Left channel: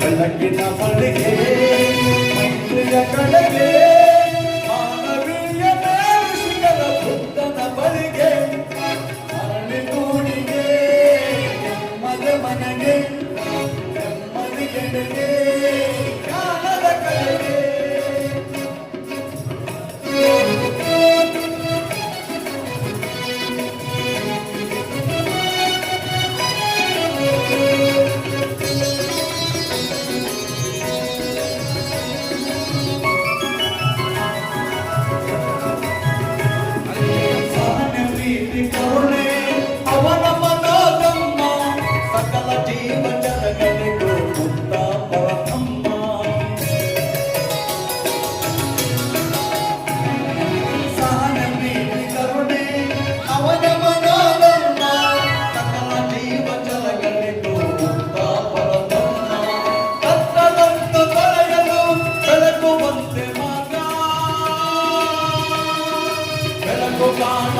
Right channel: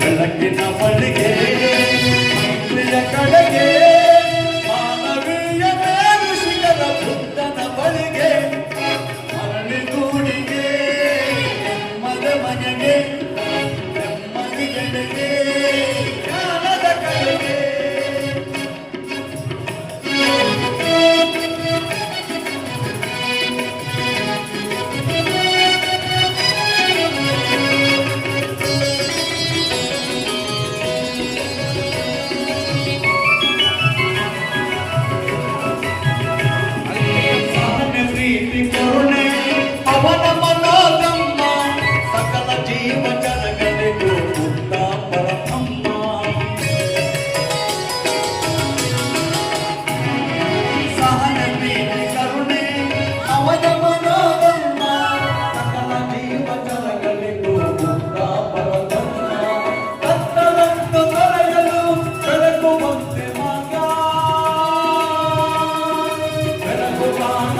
ಬೆಳಕಿನ ಬಳಿಗೆ ಪ್ರಿಯ ಕಡೆಗೆ ಮಾನವೀಯ ಋಷಿಗಳ ಬುದ್ಧನ ಬಳಿಗೆ ಮರಳಿಗೂಡಿಗೆ ಮದ ಮನೆಗೆ ನೆಮ್ಮದಿಗೆಡೆಗೆ ಜ್ಞಾನದ ಕಡೆಗೆ ಅವನ ಮನೋಧಮ್ಮ ಸಕಲ ಜೀವ ಜನಗಳಿಗೂ ಮುಕ್ತ ಪರಬ್ರಹ್ಮ ಸಹನ ಪ್ರೀತಿ ಕರುಣೆ ಅವನ ಮನೋಧಮ್ಮ ಸಕಲ ಜೀವ ಜನಗಳಿಗೂ ಮುಕ್ತ ಪರಬ್ರಹ್ಮ ಕತ್ತಲನ್ನು ತೊಳೆಯಲು ಬೆಳಗುವಂತೆ ಮಗ ಬೆಳಕು ಕಾಣ